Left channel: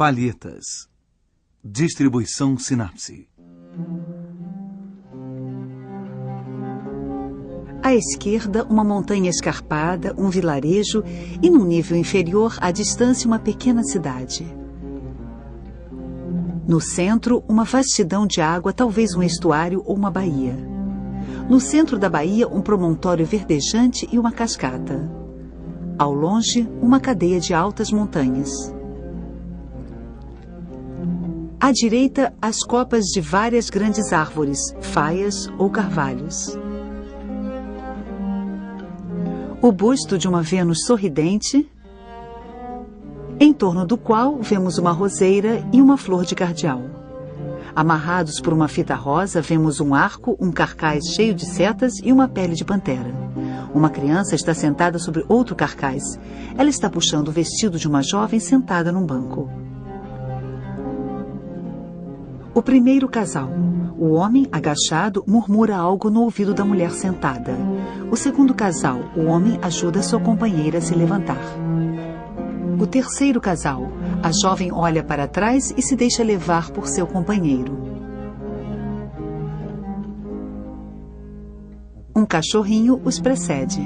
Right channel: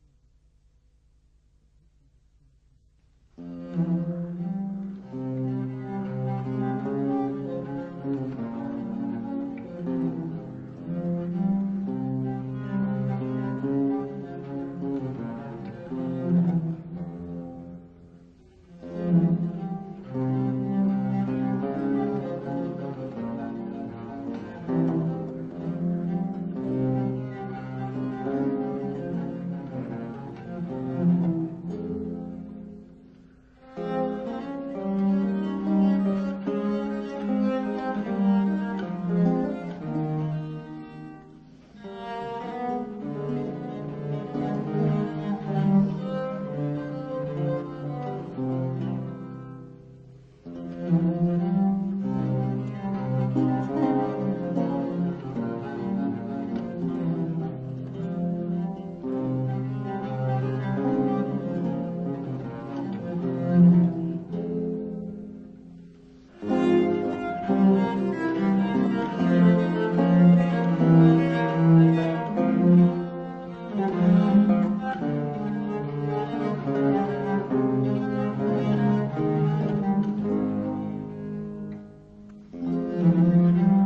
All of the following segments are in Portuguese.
Palhetas. Distribuição Sinapse. À esquerda, uma montanha escarpada, um vilarejo e, num nível inferior, à distância, uma pequena cidade. No centro, uma vastidão de água, talvez um estuário ou uma baía. No centro da baía, um promontório verdejante e uma cascata. Ao longe, uma cadeia de altas montanhas. À direita, as copas de várias grandes árvores, faias ou carvalhos. O busto de uma Vênus sorridente, em torno do qual vemos uma roseira e uma flor de cardeal. Amarrados por uma fita rosa, vemos um arco, um carcaz cheio de setas e uma pele de pantera. Uma criança está sentada sobre outro carcaz. Ela está puxando o vestido de uma jovem sentada num banco. O primeiro casal. O homem, agachado, murmura algo no ouvido da mulher sentada. O segundo casal. O homem ajuda sua companheira a se levantar. O terceiro casal. A jovem olha para trás e se deixa levar por seu companheiro. Um cachorrinho os precede.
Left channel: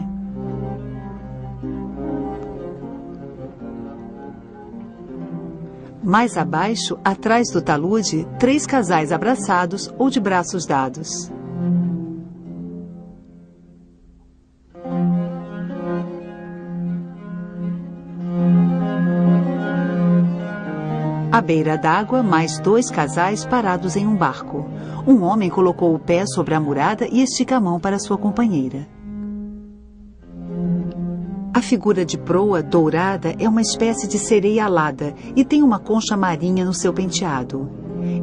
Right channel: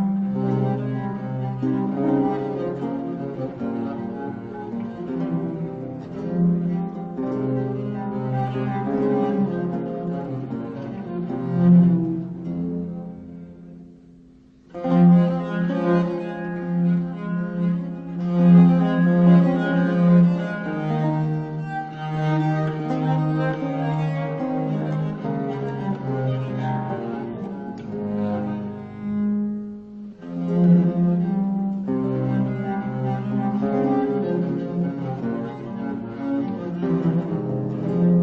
Mais abaixo, atrás do talude, 3 casais abraçados ou de braços dados. À beira d'água, mais 2 casais parados em um barco. Um homem colocou o pé sobre a murada e estica a mão para sua companheira. A figura de proa dourada é uma espécie de sereia alada e tem uma concha marinha no seu penteado.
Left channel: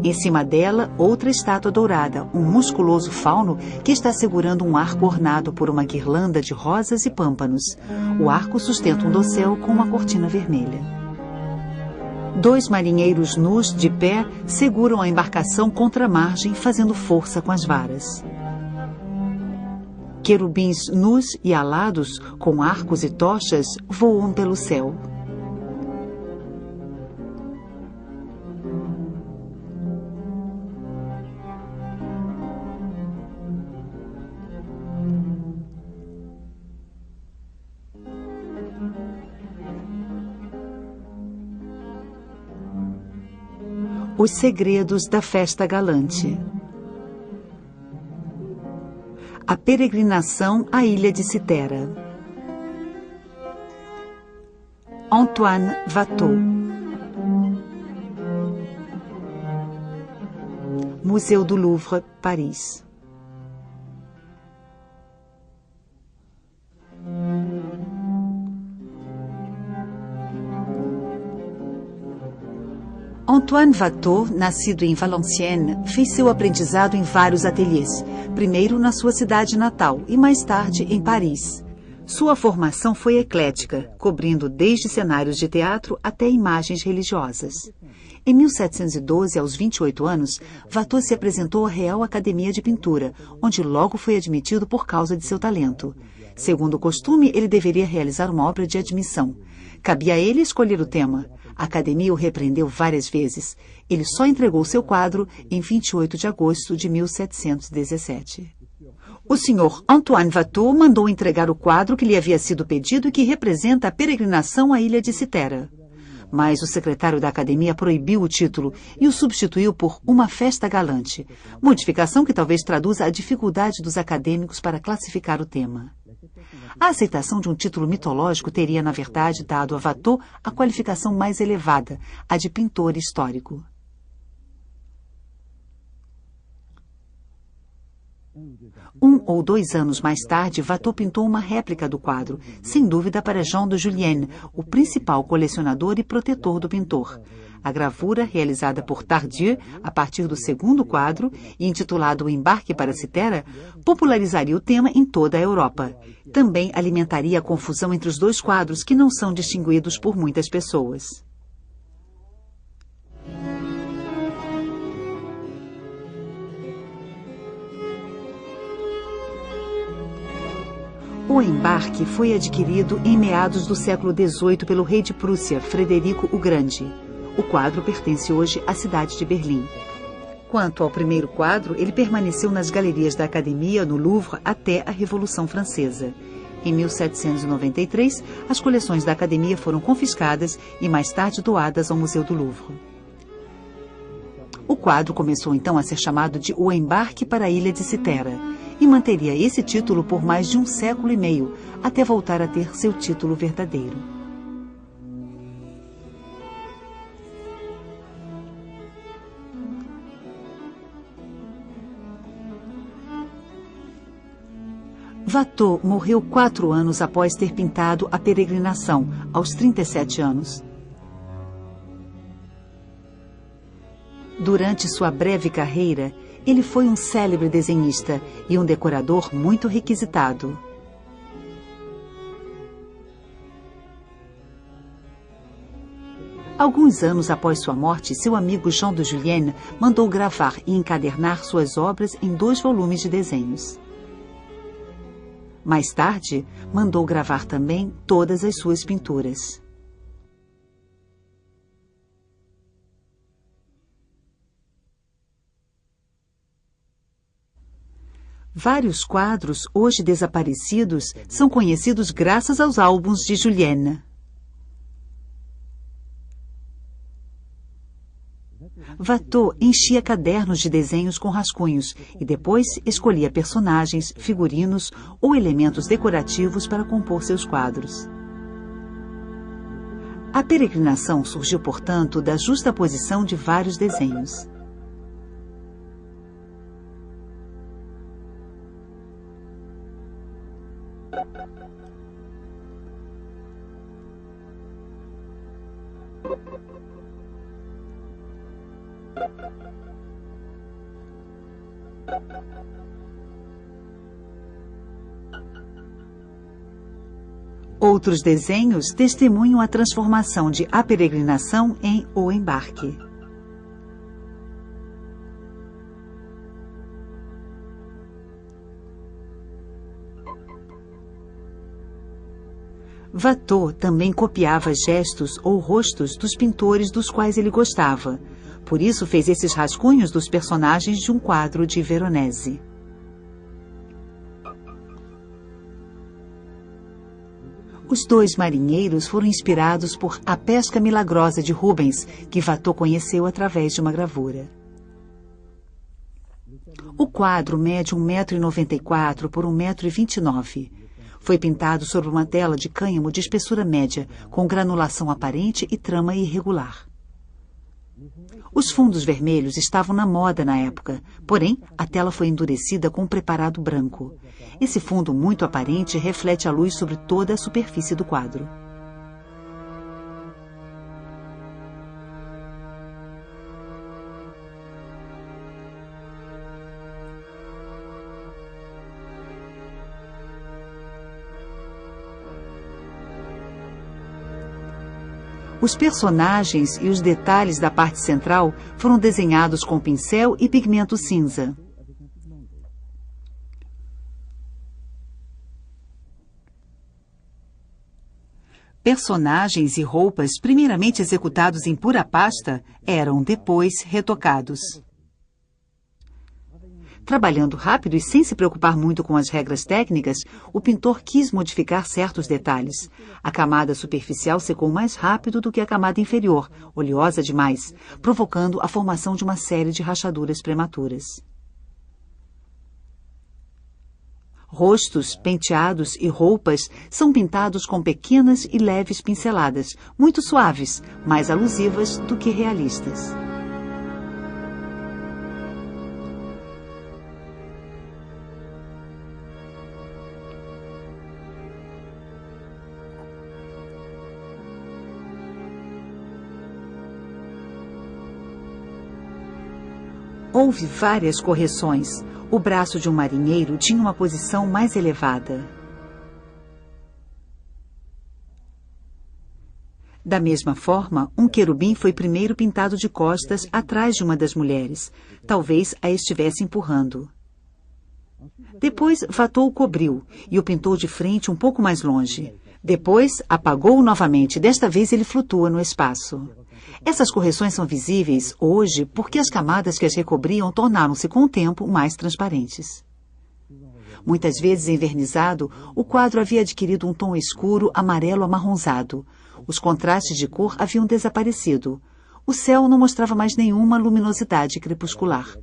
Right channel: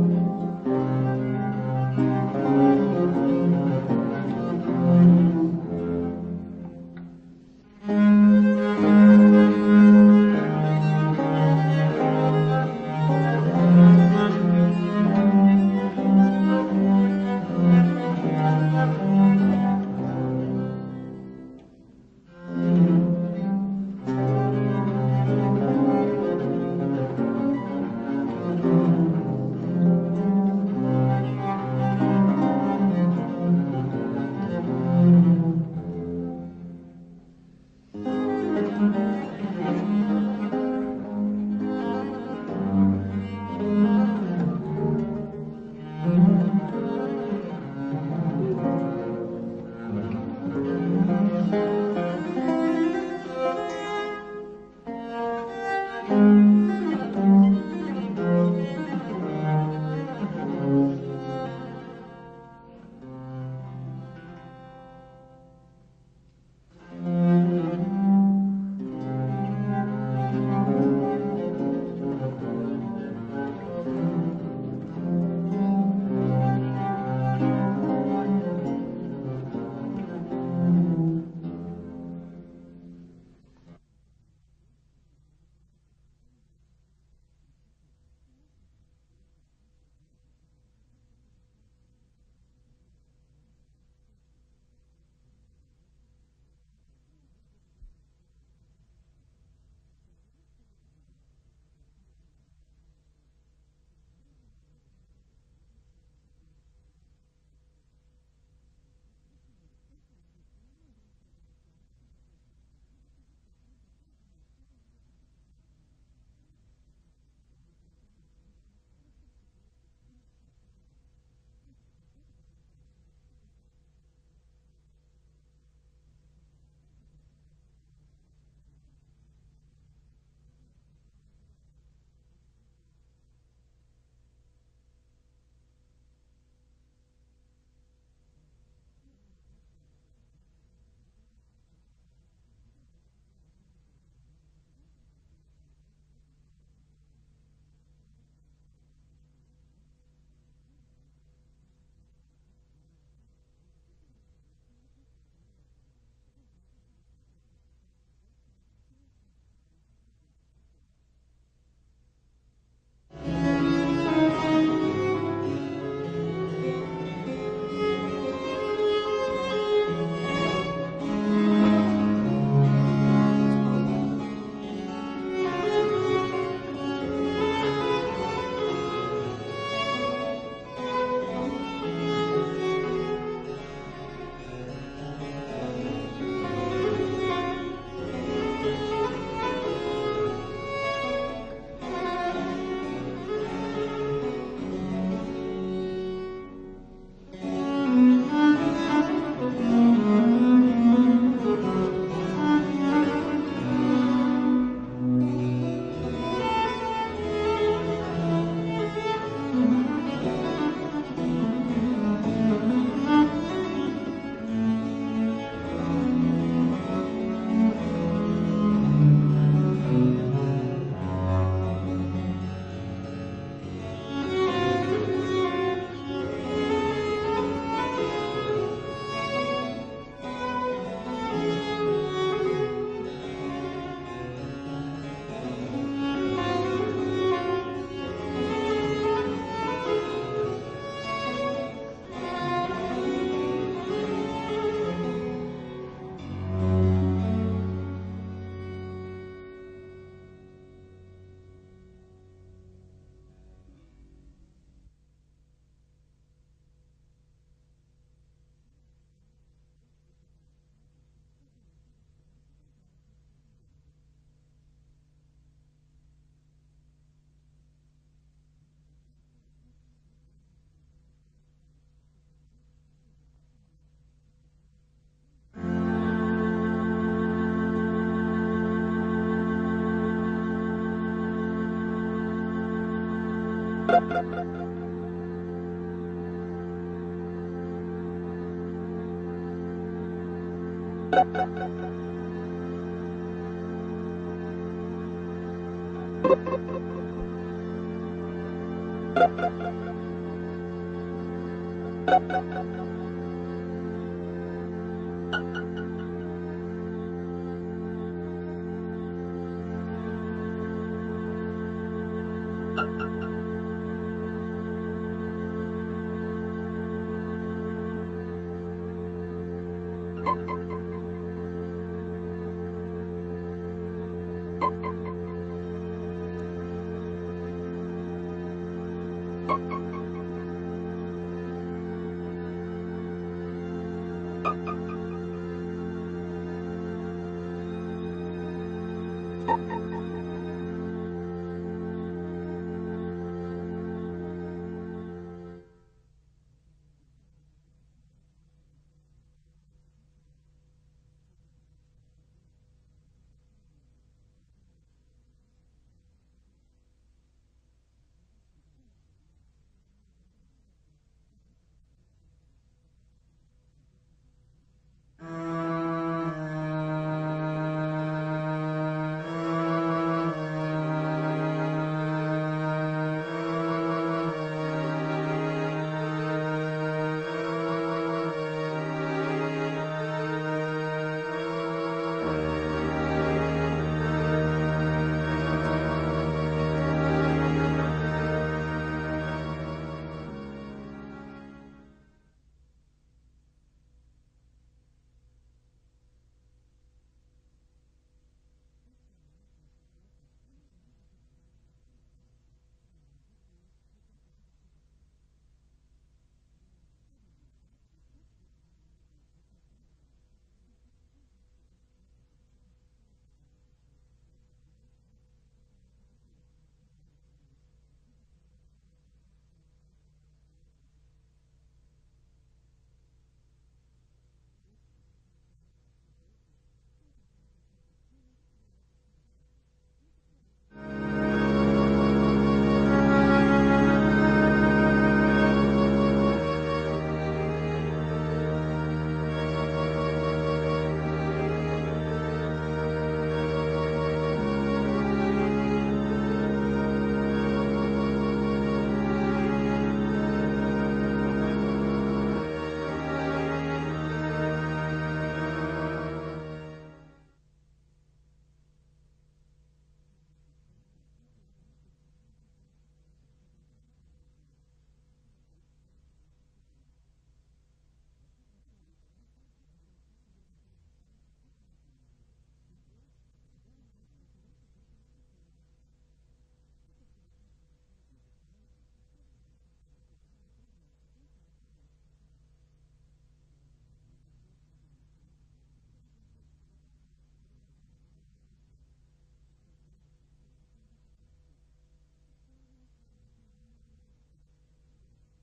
Em cima dela, outra estátua dourada, um musculoso fauno que está segurando um arco ornado por uma guirlanda de rosas e pâmpanos. O arco sustenta um dossel com uma cortina vermelha. 2 marinheiros nus, de pé, seguram a embarcação contra a margem, fazendo força com as varas. Querubins nus e alados, com arcos e tochas, voam pelo céu. Os segredos da festa galante. A peregrinação à ilha de Citera. Antoine Watteau. Museu do Louvre, Paris. Antoine Watteau, nascido em Valenciennes, fez seu aprendizado em vários ateliês, primeiro na sua cidade natal e mais tarde em Paris. Sua formação foi eclética, cobrindo desde cenários de teatro até imagens religiosas. Em 1712, aos 28 anos, Watteau se apresentou à Real Academia de Pintura, onde logo foi admitido por causa de seu talento. Segundo o costume, ele deveria realizar uma obra de admissão. Cabia a ele escolher o tema. A Academia o repreendeu várias vezes. Ele só entregou seu quadro em 28 de agosto de 1717. O senhor Antoine Watteau mandou entregar o quadro que lhe havia sido pedido e que representa a peregrinação à ilha de Citera. Mas o secretário da Academia proibiu o título e o substituiu por Uma Festa Galante, modificação que talvez traduza a dificuldade dos acadêmicos para classificar o tema. A aceitação de um título mitológico teria, na verdade, dado a Watteau a qualificação mais elevada, a de pintor histórico. Um ou 2 anos mais tarde, Watteau pintou uma réplica do quadro, sem dúvida para Jean de Julienne, o principal colecionador e protetor do pintor. A gravura, realizada por Tardieu a partir do segundo quadro e intitulado O Embarque para Citera, popularizaria o tema em toda a Europa. Também alimentaria a confusão entre os 2 quadros, que não são distinguidos por muitas pessoas. O embarque foi adquirido em meados do século XVIII pelo rei de Prússia, Frederico o Grande. O quadro pertence hoje à cidade de Berlim. Quanto ao primeiro quadro, ele permaneceu nas galerias da Academia, no Louvre, até a Revolução Francesa. Em 1793, as coleções da Academia foram confiscadas e mais tarde doadas ao Museu do Louvre. O quadro começou então a ser chamado de O Embarque para a Ilha de Citera e manteria esse título por mais de um século e meio, até voltar a ter seu título verdadeiro. Watteau morreu 4 anos após ter pintado A Peregrinação, aos 37 anos. Durante sua breve carreira, ele foi um célebre desenhista e um decorador muito requisitado. Alguns anos após sua morte, seu amigo Jean de Julienne mandou gravar e encadernar suas obras em 2 volumes de desenhos. Mais tarde, mandou gravar também todas as suas pinturas. Vários quadros, hoje desaparecidos, são conhecidos graças aos álbuns de Julienne. Watteau enchia cadernos de desenhos com rascunhos e depois escolhia personagens, figurinos ou elementos decorativos para compor seus quadros. A Peregrinação surgiu, portanto, da justaposição de vários desenhos. Outros desenhos testemunham a transformação de A Peregrinação em O Embarque. Watteau também copiava gestos ou rostos dos pintores dos quais ele gostava. Por isso fez esses rascunhos dos personagens de um quadro de Veronese. Os 2 marinheiros foram inspirados por A Pesca Milagrosa de Rubens, que Watteau conheceu através de uma gravura. O quadro mede 1,94 m por 1,29 m. Foi pintado sobre uma tela de cânhamo de espessura média, com granulação aparente e trama irregular. Os fundos vermelhos estavam na moda na época, porém, a tela foi endurecida com um preparado branco. Esse fundo muito aparente reflete a luz sobre toda a superfície do quadro. Os personagens e os detalhes da parte central foram desenhados com pincel e pigmento cinza. Personagens e roupas, primeiramente executados em pura pasta, eram depois retocados. Trabalhando rápido e sem se preocupar muito com as regras técnicas, o pintor quis modificar certos detalhes. A camada superficial secou mais rápido do que a camada inferior, oleosa demais, provocando a formação de uma série de rachaduras prematuras. Rostos, penteados e roupas são pintados com pequenas e leves pinceladas, muito suaves, mais alusivas do que realistas. Houve várias correções. O braço de um marinheiro tinha uma posição mais elevada. Da mesma forma, um querubim foi primeiro pintado de costas atrás de uma das mulheres. Talvez a estivesse empurrando. Depois, Watteau o cobriu e o pintou de frente um pouco mais longe. Depois, apagou-o novamente. Desta vez, ele flutua no espaço. Essas correções são visíveis hoje porque as camadas que as recobriam tornaram-se com o tempo mais transparentes. Muitas vezes envernizado, o quadro havia adquirido um tom escuro amarelo amarronzado. Os contrastes de cor haviam desaparecido. O céu não mostrava mais nenhuma luminosidade crepuscular.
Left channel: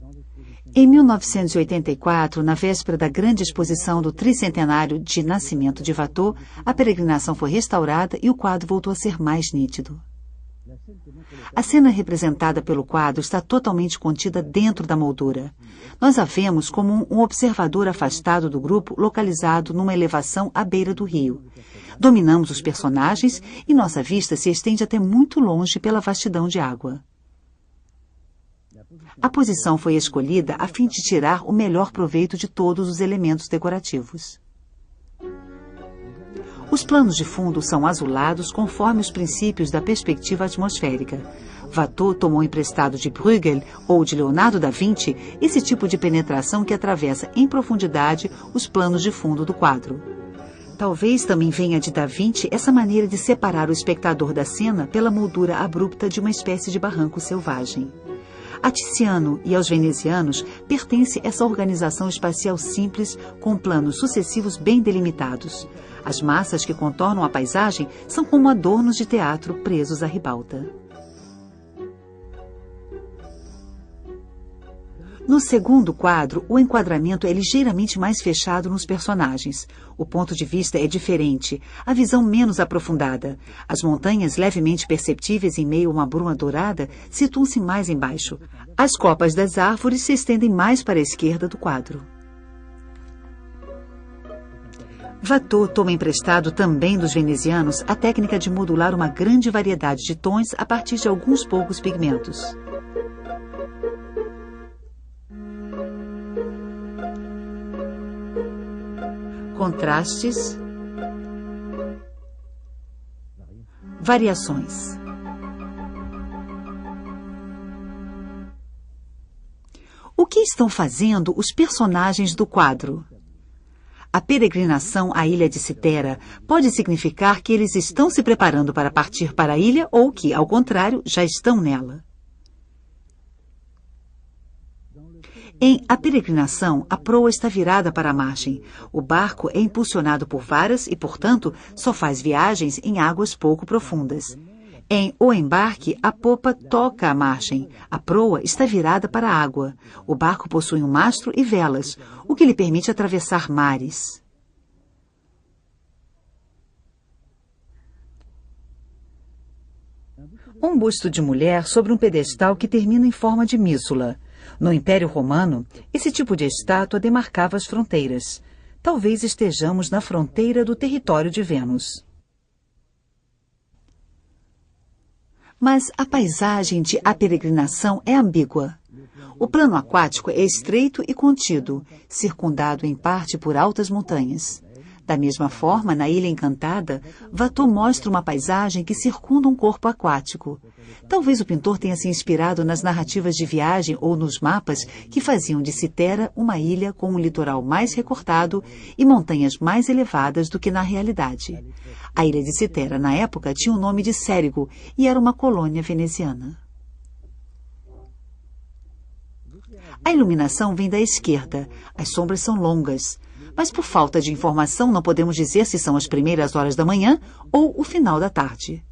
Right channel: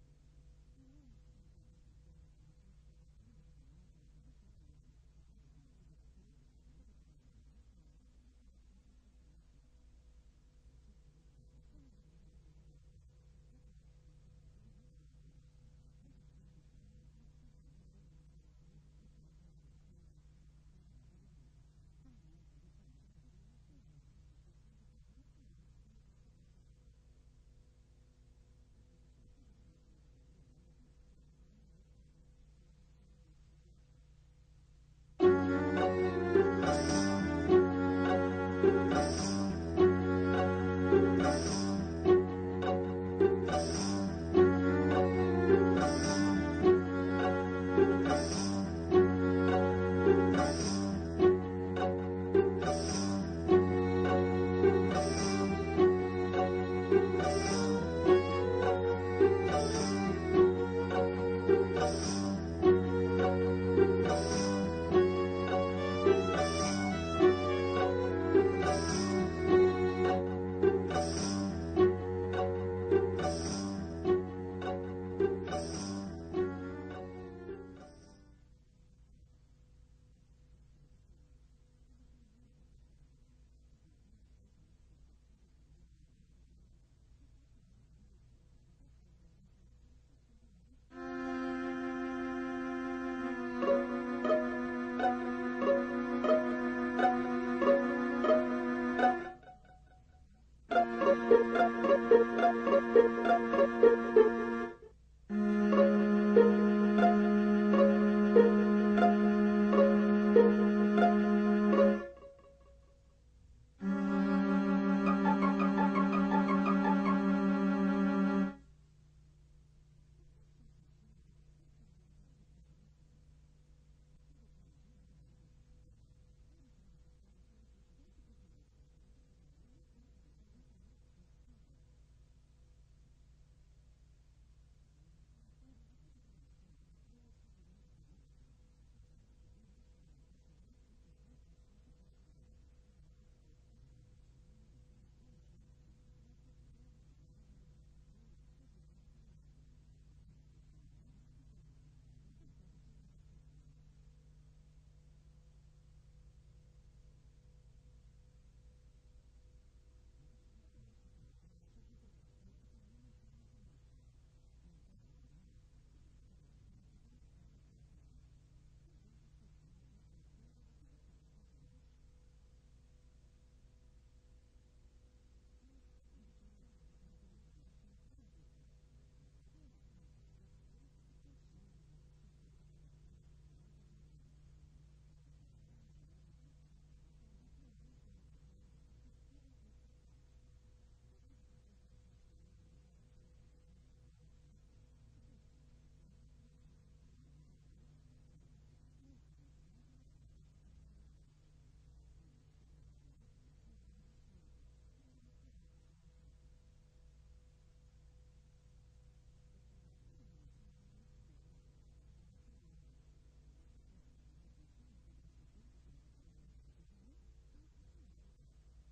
Em 1984, na véspera da grande exposição do tricentenário de nascimento de Watteau, a peregrinação foi restaurada e o quadro voltou a ser mais nítido. A cena representada pelo quadro está totalmente contida dentro da moldura. Nós a vemos como um observador afastado do grupo, localizado numa elevação à beira do rio. Dominamos os personagens e nossa vista se estende até muito longe pela vastidão de água. A posição foi escolhida a fim de tirar o melhor proveito de todos os elementos decorativos. Os planos de fundo são azulados conforme os princípios da perspectiva atmosférica. Watteau tomou emprestado de Bruegel ou de Leonardo da Vinci esse tipo de penetração que atravessa em profundidade os planos de fundo do quadro. Talvez também venha de Da Vinci essa maneira de separar o espectador da cena pela moldura abrupta de uma espécie de barranco selvagem. A Tiziano e aos venezianos pertence essa organização espacial simples com planos sucessivos bem delimitados. As massas que contornam a paisagem são como adornos de teatro presos à ribalta. No segundo quadro, o enquadramento é ligeiramente mais fechado nos personagens. O ponto de vista é diferente, a visão menos aprofundada. As montanhas levemente perceptíveis em meio a uma bruma dourada situam-se mais embaixo. As copas das árvores se estendem mais para a esquerda do quadro. Watteau toma emprestado também dos venezianos a técnica de modular uma grande variedade de tons a partir de alguns poucos pigmentos. Contrastes, variações. O que estão fazendo os personagens do quadro? A peregrinação à ilha de Citera pode significar que eles estão se preparando para partir para a ilha ou que, ao contrário, já estão nela. Em A Peregrinação, a proa está virada para a margem. O barco é impulsionado por varas e, portanto, só faz viagens em águas pouco profundas. Em O Embarque, a popa toca a margem. A proa está virada para a água. O barco possui um mastro e velas, o que lhe permite atravessar mares. Um busto de mulher sobre um pedestal que termina em forma de mísula. No Império Romano, esse tipo de estátua demarcava as fronteiras. Talvez estejamos na fronteira do território de Vênus. Mas a paisagem de A Peregrinação é ambígua. O plano aquático é estreito e contido, circundado em parte por altas montanhas. Da mesma forma, na Ilha Encantada, Watteau mostra uma paisagem que circunda um corpo aquático. Talvez o pintor tenha se inspirado nas narrativas de viagem ou nos mapas que faziam de Citera uma ilha com um litoral mais recortado e montanhas mais elevadas do que na realidade. A ilha de Citera, na época, tinha o nome de Cérigo e era uma colônia veneziana. A iluminação vem da esquerda. As sombras são longas. Mas por falta de informação não podemos dizer se são as primeiras horas da manhã ou o final da tarde.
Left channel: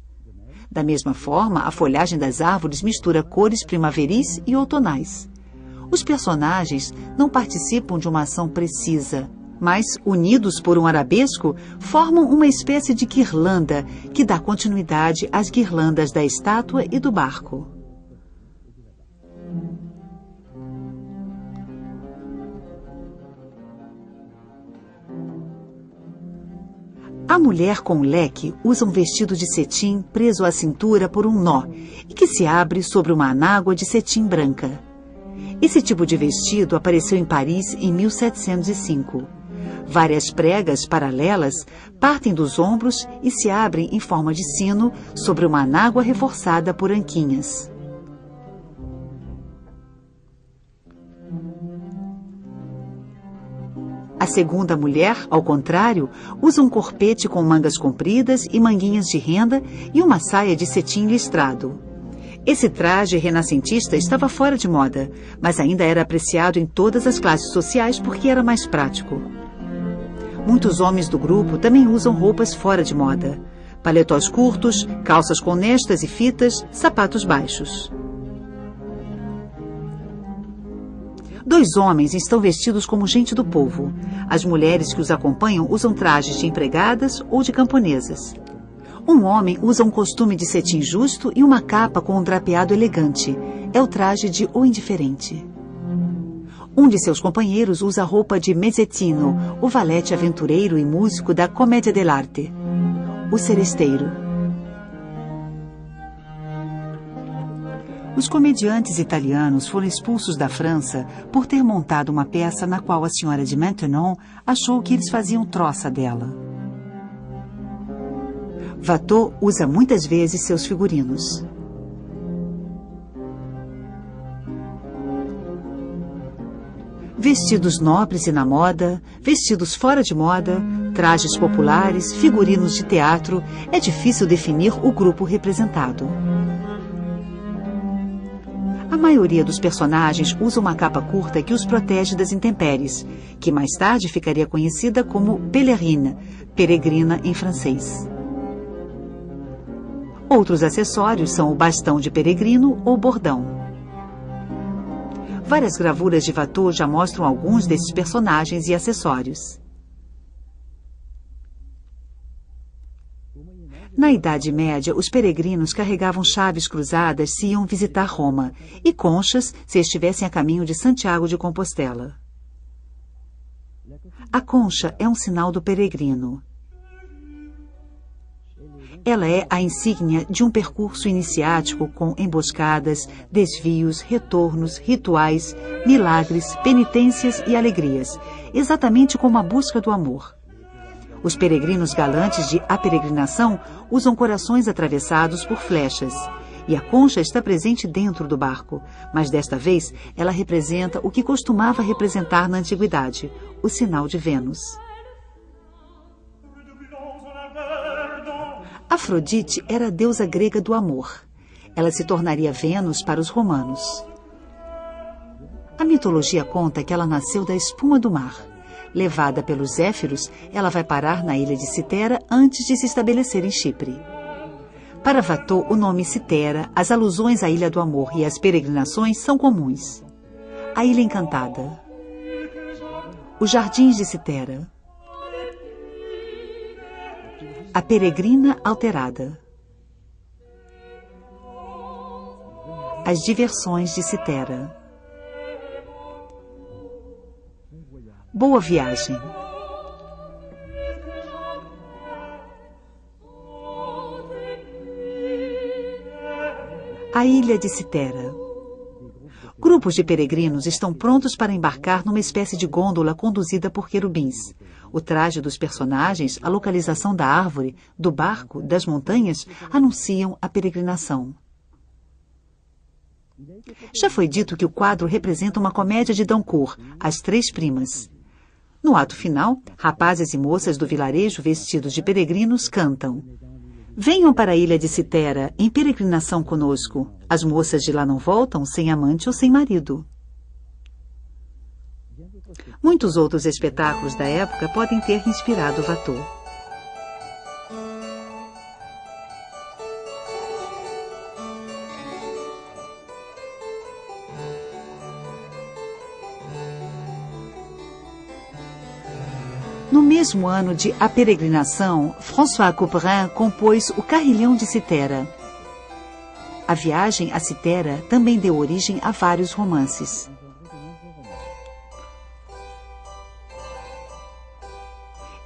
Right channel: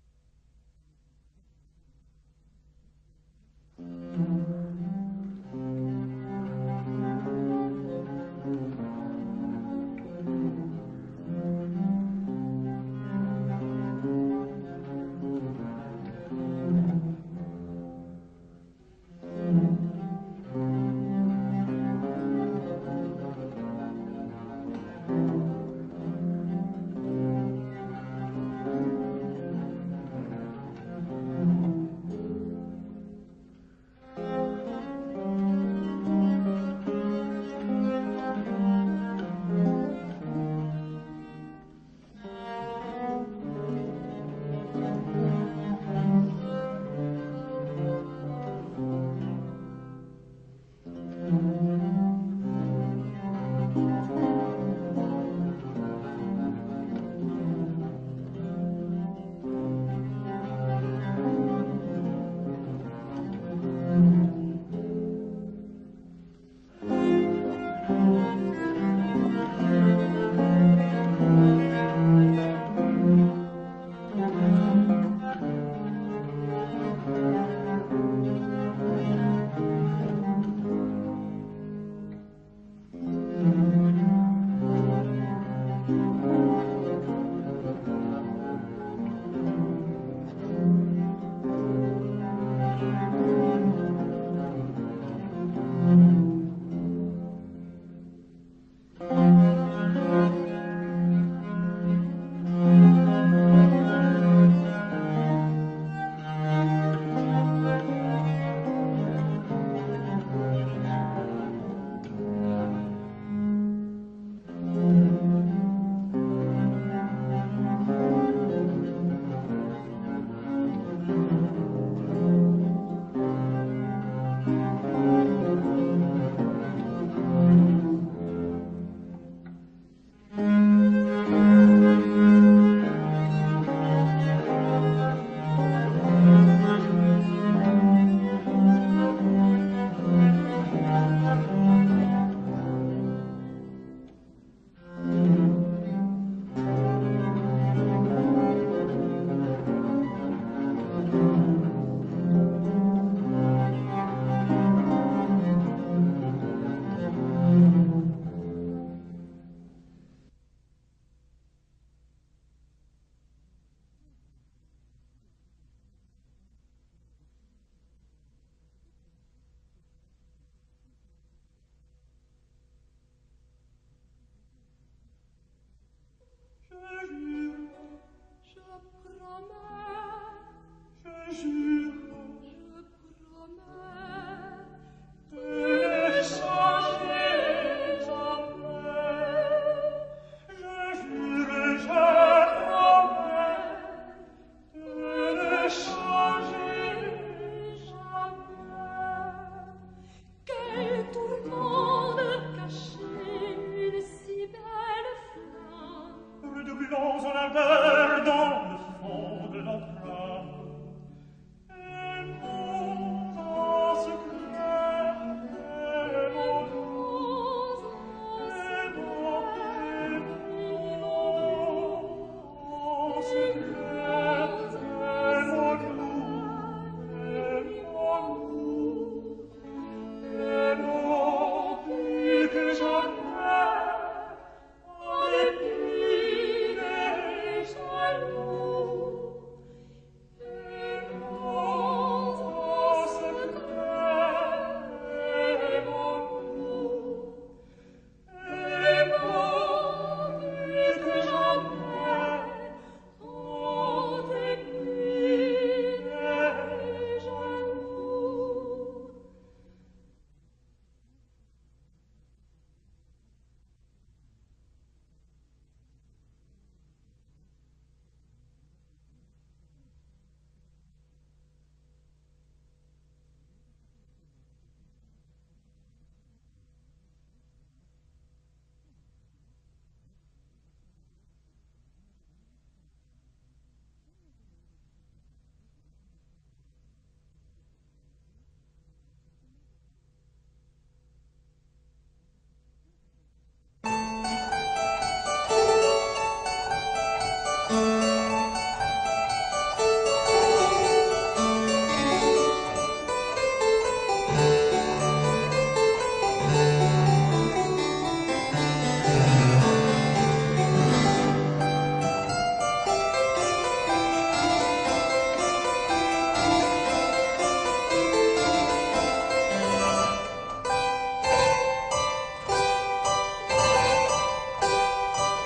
Da mesma forma, a folhagem das árvores mistura cores primaveris e outonais. Os personagens não participam de uma ação precisa, mas, unidos por um arabesco, formam uma espécie de guirlanda que dá continuidade às guirlandas da estátua e do barco. A mulher com o leque usa um vestido de cetim preso à cintura por um nó e que se abre sobre uma anágua de cetim branca. Esse tipo de vestido apareceu em Paris em 1705. Várias pregas paralelas partem dos ombros e se abrem em forma de sino sobre uma anágua reforçada por anquinhas. A segunda mulher, ao contrário, usa um corpete com mangas compridas e manguinhas de renda e uma saia de cetim listrado. Esse traje renascentista estava fora de moda, mas ainda era apreciado em todas as classes sociais porque era mais prático. Muitos homens do grupo também usam roupas fora de moda. Paletós curtos, calças com nestas e fitas, sapatos baixos. 2 homens estão vestidos como gente do povo. As mulheres que os acompanham usam trajes de empregadas ou de camponesas. Um homem usa um costume de cetim justo e uma capa com um drapeado elegante. É o traje de O Indiferente. Um de seus companheiros usa a roupa de Mezzetino, o valete aventureiro e músico da Commedia dell'arte, o seresteiro. Os comediantes italianos foram expulsos da França por ter montado uma peça na qual a senhora de Maintenon achou que eles faziam troça dela. Watteau usa muitas vezes seus figurinos. Vestidos nobres e na moda, vestidos fora de moda, trajes populares, figurinos de teatro, é difícil definir o grupo representado. A maioria dos personagens usa uma capa curta que os protege das intempéries, que mais tarde ficaria conhecida como pèlerine, peregrina em francês. Outros acessórios são o bastão de peregrino ou bordão. Várias gravuras de Watteau já mostram alguns desses personagens e acessórios. Na Idade Média, os peregrinos carregavam chaves cruzadas se iam visitar Roma e conchas se estivessem a caminho de Santiago de Compostela. A concha é um sinal do peregrino. Ela é a insígnia de um percurso iniciático com emboscadas, desvios, retornos, rituais, milagres, penitências e alegrias, exatamente como a busca do amor. Os peregrinos galantes de A Peregrinação usam corações atravessados por flechas, e a concha está presente dentro do barco, mas desta vez ela representa o que costumava representar na antiguidade, o sinal de Vênus. Afrodite era a deusa grega do amor. Ela se tornaria Vênus para os romanos. A mitologia conta que ela nasceu da espuma do mar. Levada pelos Zéfiros, ela vai parar na ilha de Citera antes de se estabelecer em Chipre. Para Watteau, o nome Citera, as alusões à Ilha do Amor e as peregrinações são comuns. A Ilha Encantada. Os Jardins de Citera. A Peregrina Alterada. As Diversões de Citera. Boa Viagem. A Ilha de Citera. Grupos de peregrinos estão prontos para embarcar numa espécie de gôndola conduzida por querubins. O traje dos personagens, a localização da árvore, do barco, das montanhas, anunciam a peregrinação. Já foi dito que o quadro representa uma comédia de Dancourt, As Três Primas. No ato final, rapazes e moças do vilarejo vestidos de peregrinos cantam: venham para a ilha de Citera, em peregrinação conosco. As moças de lá não voltam sem amante ou sem marido. Muitos outros espetáculos da época podem ter inspirado Watteau. No mesmo ano de A Peregrinação, François Couperin compôs O Carrilhão de Citera. A viagem a Citera também deu origem a vários romances.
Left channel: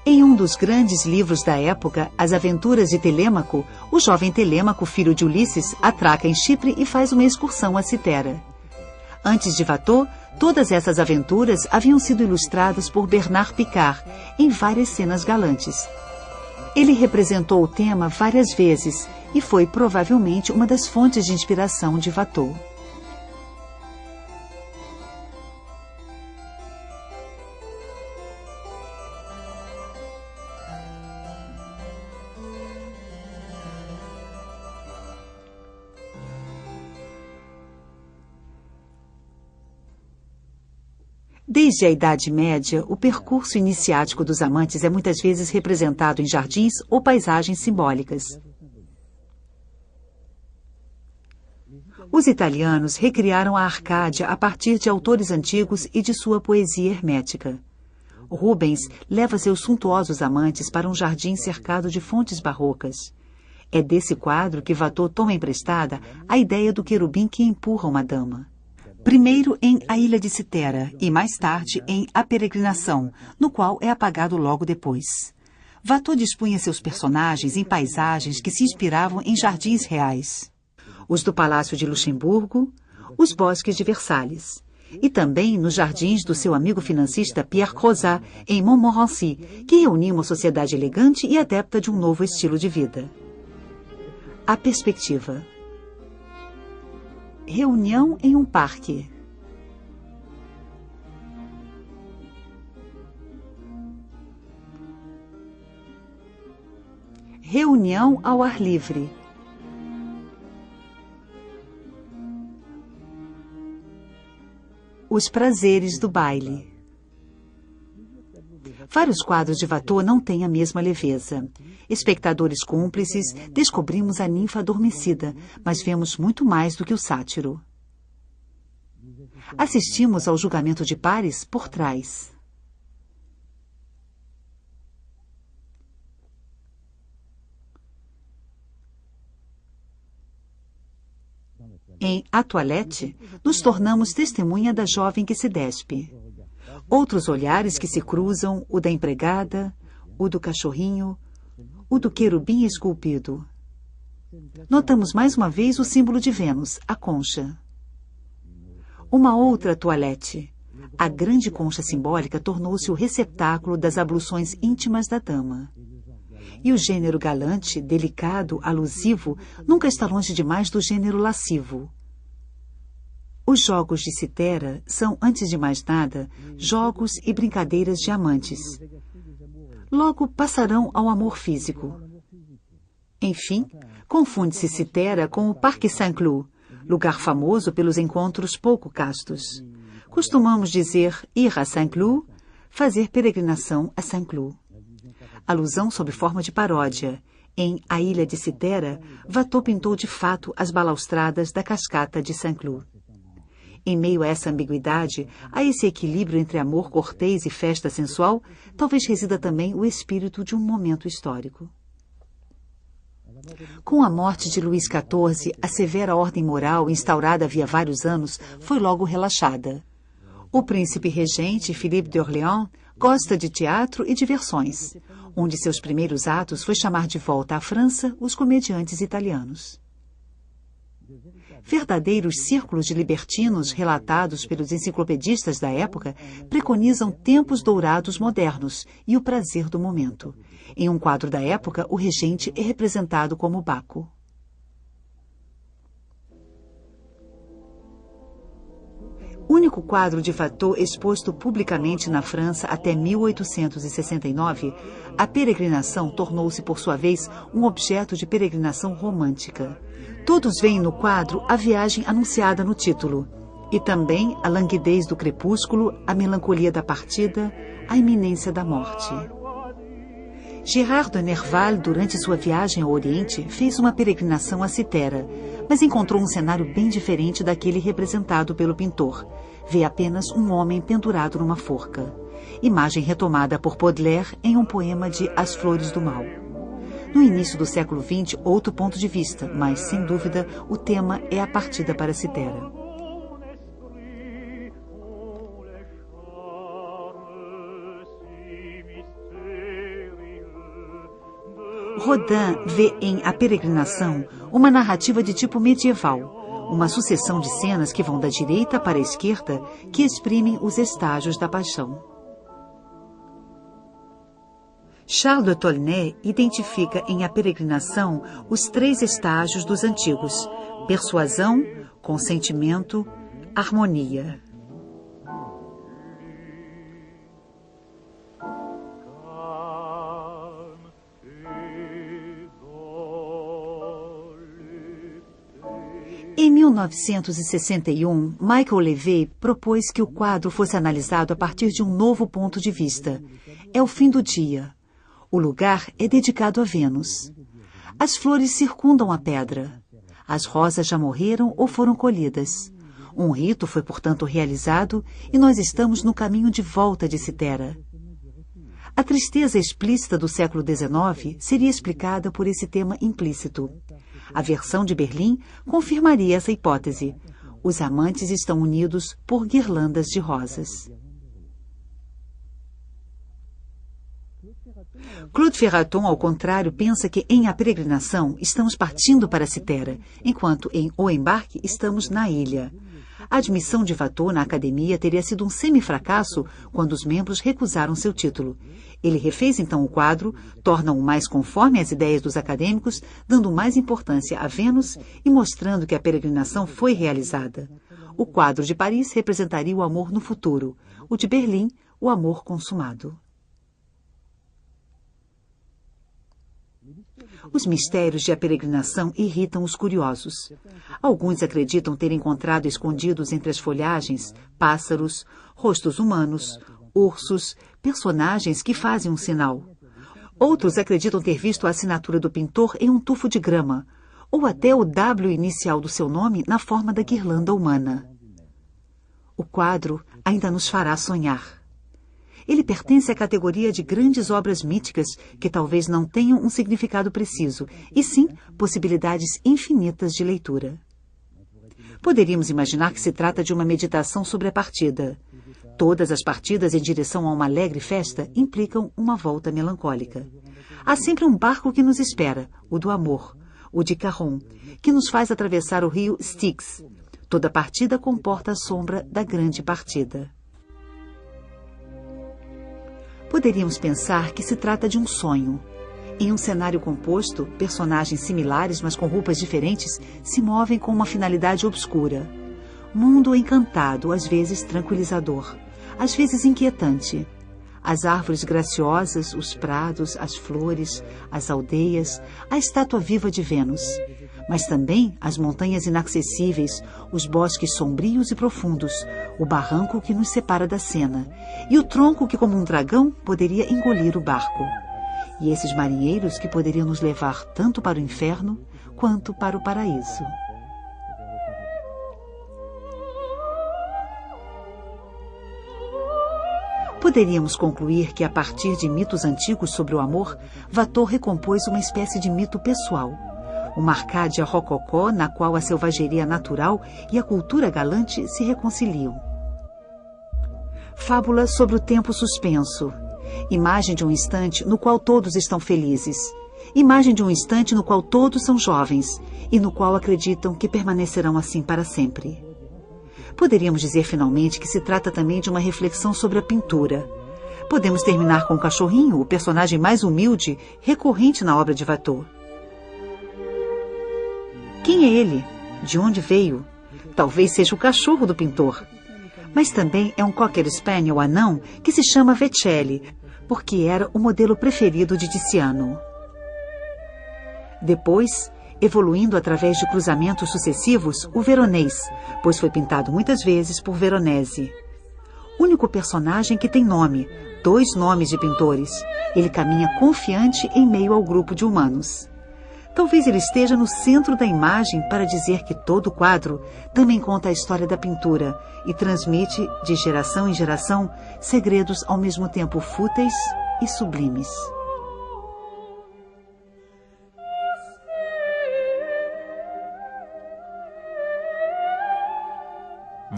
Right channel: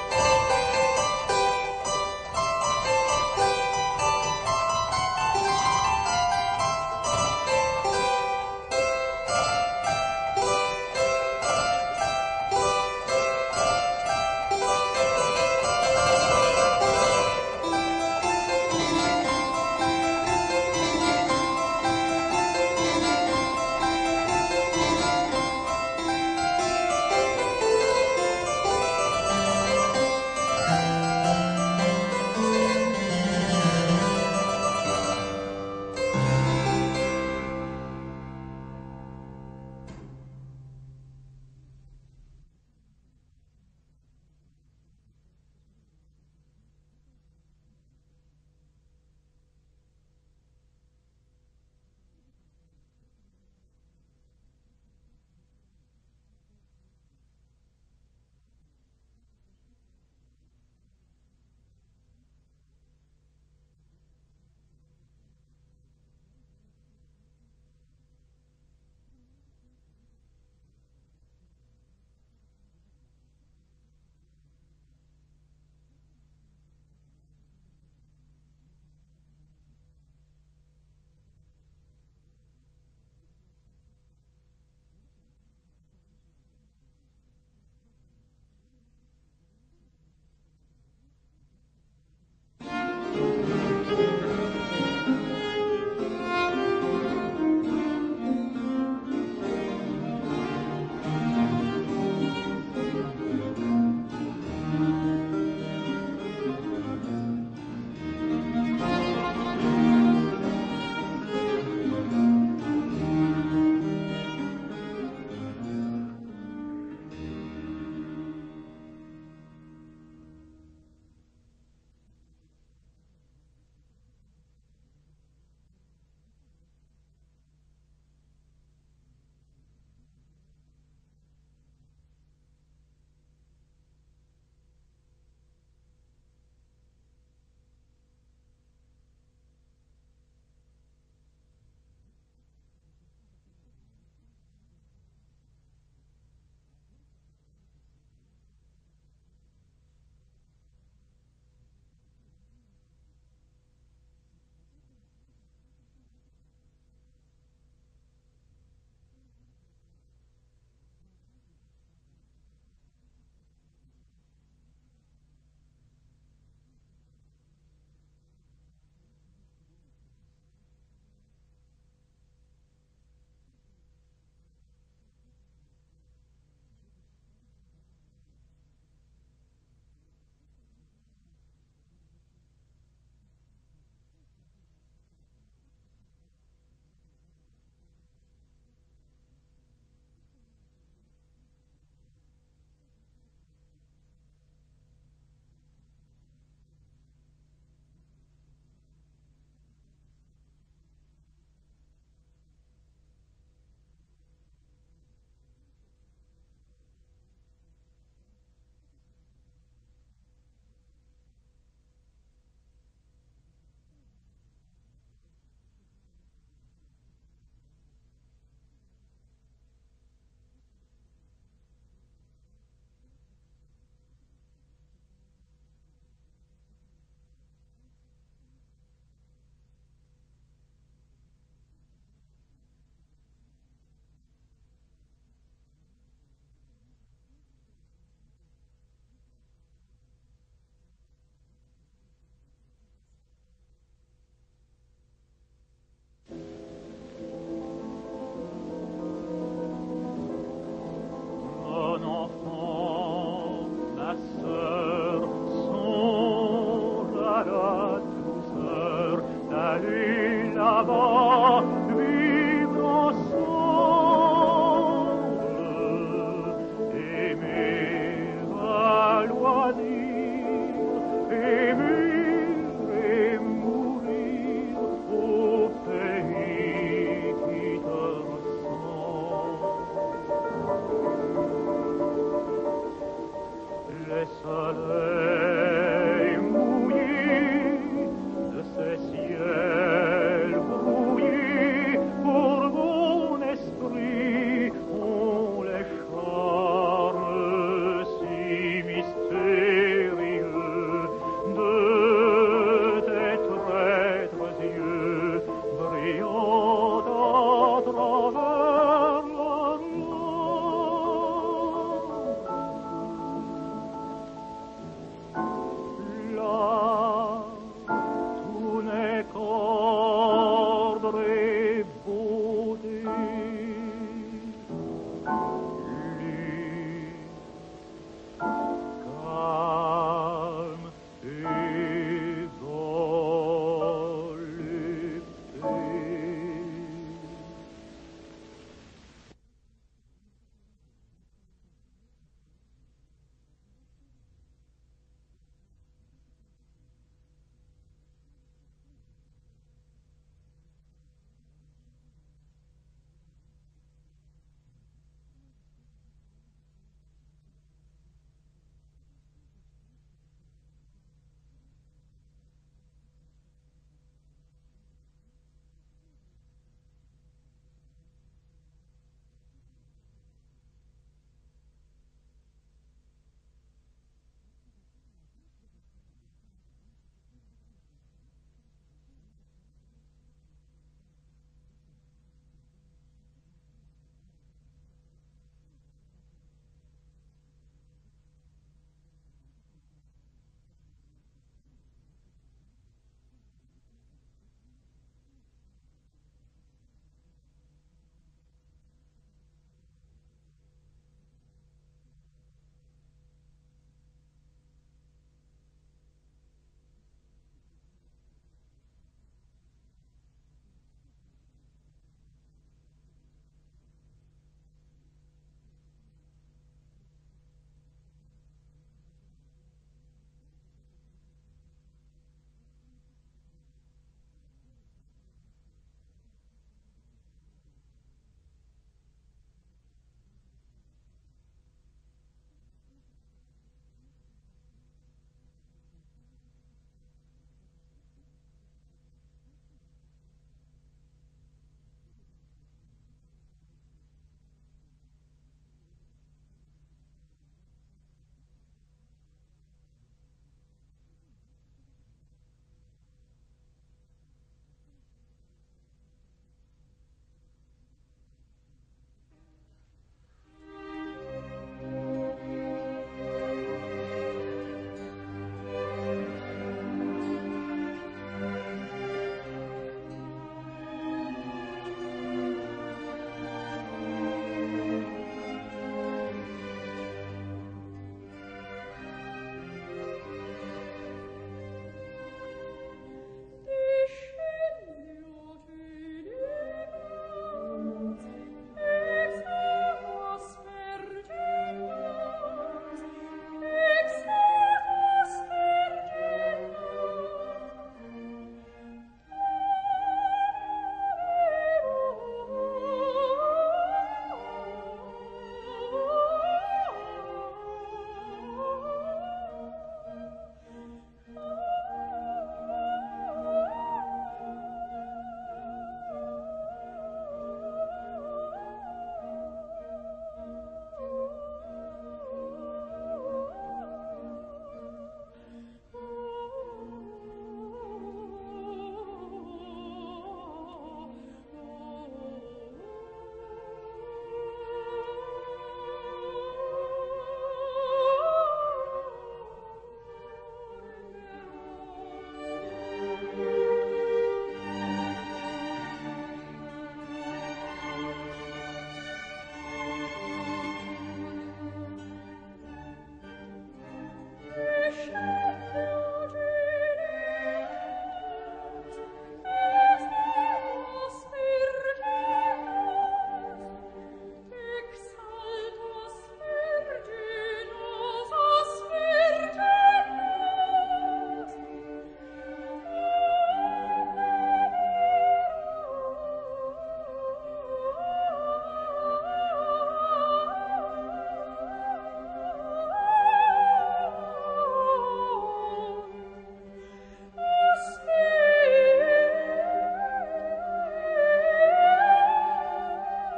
Em um dos grandes livros da época, As Aventuras de Telêmaco, o jovem Telêmaco, filho de Ulisses, atraca em Chipre e faz uma excursão a Citera. Antes de Watteau, todas essas aventuras haviam sido ilustradas por Bernard Picard, em várias cenas galantes. Ele representou o tema várias vezes e foi provavelmente uma das fontes de inspiração de Watteau. Desde a Idade Média, o percurso iniciático dos amantes é muitas vezes representado em jardins ou paisagens simbólicas. Os italianos recriaram a Arcádia a partir de autores antigos e de sua poesia hermética. Rubens leva seus suntuosos amantes para um jardim cercado de fontes barrocas. É desse quadro que Watteau toma emprestada a ideia do querubim que empurra uma dama. Primeiro em A Ilha de Citera e mais tarde em A Peregrinação, no qual é apagado logo depois. Watteau dispunha seus personagens em paisagens que se inspiravam em jardins reais. Os do Palácio de Luxemburgo, os bosques de Versalhes. E também nos jardins do seu amigo financista Pierre Crozat, em Montmorency, que reunia uma sociedade elegante e adepta de um novo estilo de vida. A perspectiva. Reunião em um parque. Reunião ao ar livre. Os prazeres do baile. Vários quadros de Watteau não têm a mesma leveza. Espectadores cúmplices, descobrimos a ninfa adormecida, mas vemos muito mais do que o sátiro. Assistimos ao julgamento de pares por trás. Em A Toilette, nos tornamos testemunha da jovem que se despe. Outros olhares que se cruzam, o da empregada, o do cachorrinho, o do querubim esculpido. Notamos mais uma vez o símbolo de Vênus, a concha. Uma outra toilette. A grande concha simbólica tornou-se o receptáculo das abluções íntimas da dama. E o gênero galante, delicado, alusivo, nunca está longe demais do gênero lascivo. Os jogos de Citera são, antes de mais nada, jogos e brincadeiras de amantes. Logo passarão ao amor físico. Enfim, confunde-se Citera com o Parque Saint-Cloud, lugar famoso pelos encontros pouco castos. Costumamos dizer ir a Saint-Cloud, fazer peregrinação a Saint-Cloud. Alusão sob forma de paródia. Em A Ilha de Citera, Watteau pintou de fato as balaustradas da cascata de Saint-Cloud. Em meio a essa ambiguidade, a esse equilíbrio entre amor cortês e festa sensual, talvez resida também o espírito de um momento histórico. Com a morte de Luís XIV, a severa ordem moral, instaurada havia vários anos, foi logo relaxada. O príncipe regente, Philippe de Orléans, gosta de teatro e diversões. Um de seus primeiros atos foi chamar de volta à França os comediantes italianos. Verdadeiros círculos de libertinos relatados pelos enciclopedistas da época preconizam tempos dourados modernos e o prazer do momento. Em um quadro da época, o regente é representado como Baco. Único quadro de Watteau exposto publicamente na França até 1869, a peregrinação tornou-se, por sua vez, um objeto de peregrinação romântica. Todos veem no quadro a viagem anunciada no título, e também a languidez do crepúsculo, a melancolia da partida, a iminência da morte. Girard de Nerval, durante sua viagem ao Oriente, fez uma peregrinação a Citera, mas encontrou um cenário bem diferente daquele representado pelo pintor. Vê apenas um homem pendurado numa forca. Imagem retomada por Baudelaire em um poema de As Flores do Mal. No início do século XX, outro ponto de vista, mas, sem dúvida, o tema é a partida para Citera. Rodin vê em A Peregrinação uma narrativa de tipo medieval, uma sucessão de cenas que vão da direita para a esquerda que exprimem os estágios da paixão. Charles de Tolnay identifica em A Peregrinação os 3 estágios dos antigos: persuasão, consentimento, harmonia. Em 1961, Michael Levy propôs que o quadro fosse analisado a partir de um novo ponto de vista. É o fim do dia. O lugar é dedicado a Vênus. As flores circundam a pedra. As rosas já morreram ou foram colhidas. Um rito foi, portanto, realizado e nós estamos no caminho de volta de Citera. A tristeza explícita do século XIX seria explicada por esse tema implícito. A versão de Berlim confirmaria essa hipótese. Os amantes estão unidos por guirlandas de rosas. Claude Ferraton, ao contrário, pensa que em A Peregrinação estamos partindo para Citera, enquanto em O Embarque estamos na ilha. A admissão de Watteau na academia teria sido um semifracasso quando os membros recusaram seu título. Ele refez então o quadro, torna-o mais conforme às ideias dos acadêmicos, dando mais importância a Vênus e mostrando que a peregrinação foi realizada. O quadro de Paris representaria o amor no futuro, o de Berlim, o amor consumado. Os mistérios de A Peregrinação irritam os curiosos. Alguns acreditam ter encontrado escondidos entre as folhagens pássaros, rostos humanos, ursos, personagens que fazem um sinal. Outros acreditam ter visto a assinatura do pintor em um tufo de grama, ou até o W inicial do seu nome na forma da guirlanda humana. O quadro ainda nos fará sonhar. Ele pertence à categoria de grandes obras míticas que talvez não tenham um significado preciso, e sim possibilidades infinitas de leitura. Poderíamos imaginar que se trata de uma meditação sobre a partida. Todas as partidas em direção a uma alegre festa implicam uma volta melancólica. Há sempre um barco que nos espera, o do amor, o de Caron, que nos faz atravessar o rio Styx. Toda partida comporta a sombra da grande partida. Poderíamos pensar que se trata de um sonho. Em um cenário composto, personagens similares, mas com roupas diferentes, se movem com uma finalidade obscura. Mundo encantado, às vezes tranquilizador, às vezes inquietante. As árvores graciosas, os prados, as flores, as aldeias, a estátua viva de Vênus. Mas também as montanhas inacessíveis, os bosques sombrios e profundos, o barranco que nos separa da cena, e o tronco que, como um dragão, poderia engolir o barco. E esses marinheiros que poderiam nos levar tanto para o inferno quanto para o paraíso. Poderíamos concluir que, a partir de mitos antigos sobre o amor, Watteau recompôs uma espécie de mito pessoal. Uma Arcádia rococó na qual a selvageria natural e a cultura galante se reconciliam. Fábula sobre o tempo suspenso. Imagem de um instante no qual todos estão felizes. Imagem de um instante no qual todos são jovens e no qual acreditam que permanecerão assim para sempre. Poderíamos dizer finalmente que se trata também de uma reflexão sobre a pintura. Podemos terminar com o cachorrinho, o personagem mais humilde, recorrente na obra de Watteau. Quem é ele? De onde veio? Talvez seja o cachorro do pintor. Mas também é um Cocker Spaniel anão que se chama Vecelli, porque era o modelo preferido de Tiziano. Depois, evoluindo através de cruzamentos sucessivos, o veronês, pois foi pintado muitas vezes por Veronese. Único personagem que tem nome, 2 nomes de pintores. Ele caminha confiante em meio ao grupo de humanos. Talvez ele esteja no centro da imagem para dizer que todo o quadro também conta a história da pintura e transmite, de geração em geração, segredos ao mesmo tempo fúteis e sublimes.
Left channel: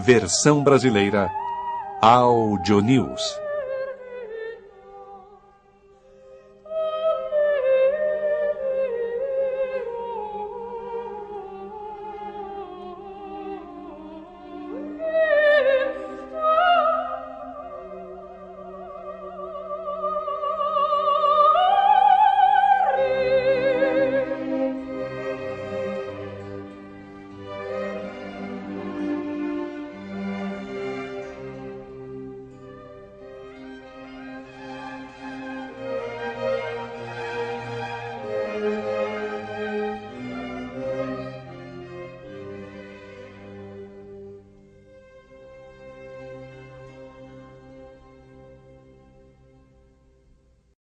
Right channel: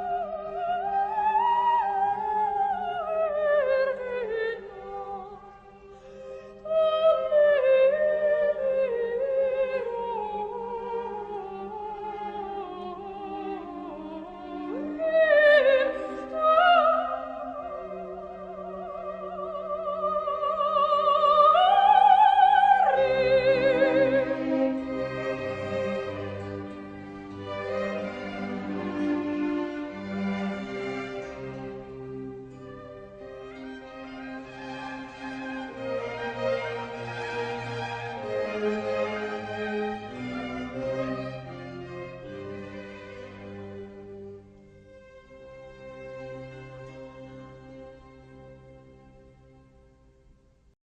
Versão brasileira Audio News.